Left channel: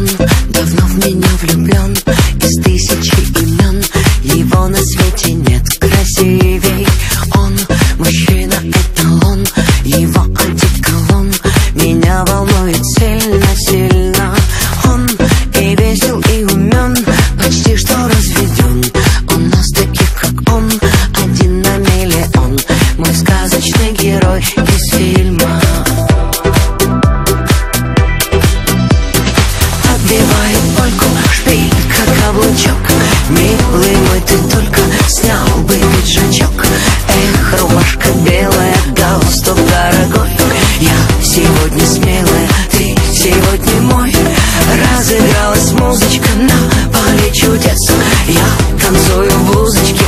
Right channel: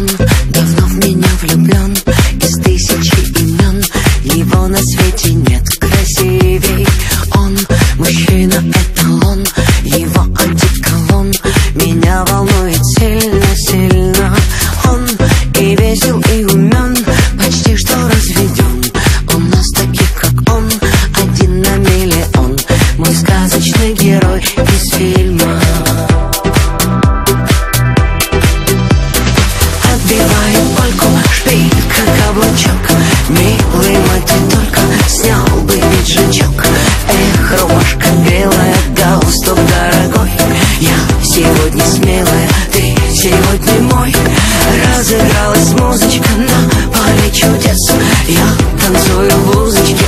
Он давно в меня влюблен, из тысячи имен его на свете нет красивей. Он мужчина, эталон, его одеколон меня волнует сильно-сильно. Он и весел, и умен, почти что разведен. У нас таких, как он, один на миллион. Мой сказочный герой из фильма. Отбивает польку, шпилька, каблучок. Милый мой, ты только снял бы пиджачок. Эх, рубашка белая, галстук дорогой. Я сегодня смелая, ты сегодня мой. Разыгралась музычка на поле чудес. Я танцую в блузочке,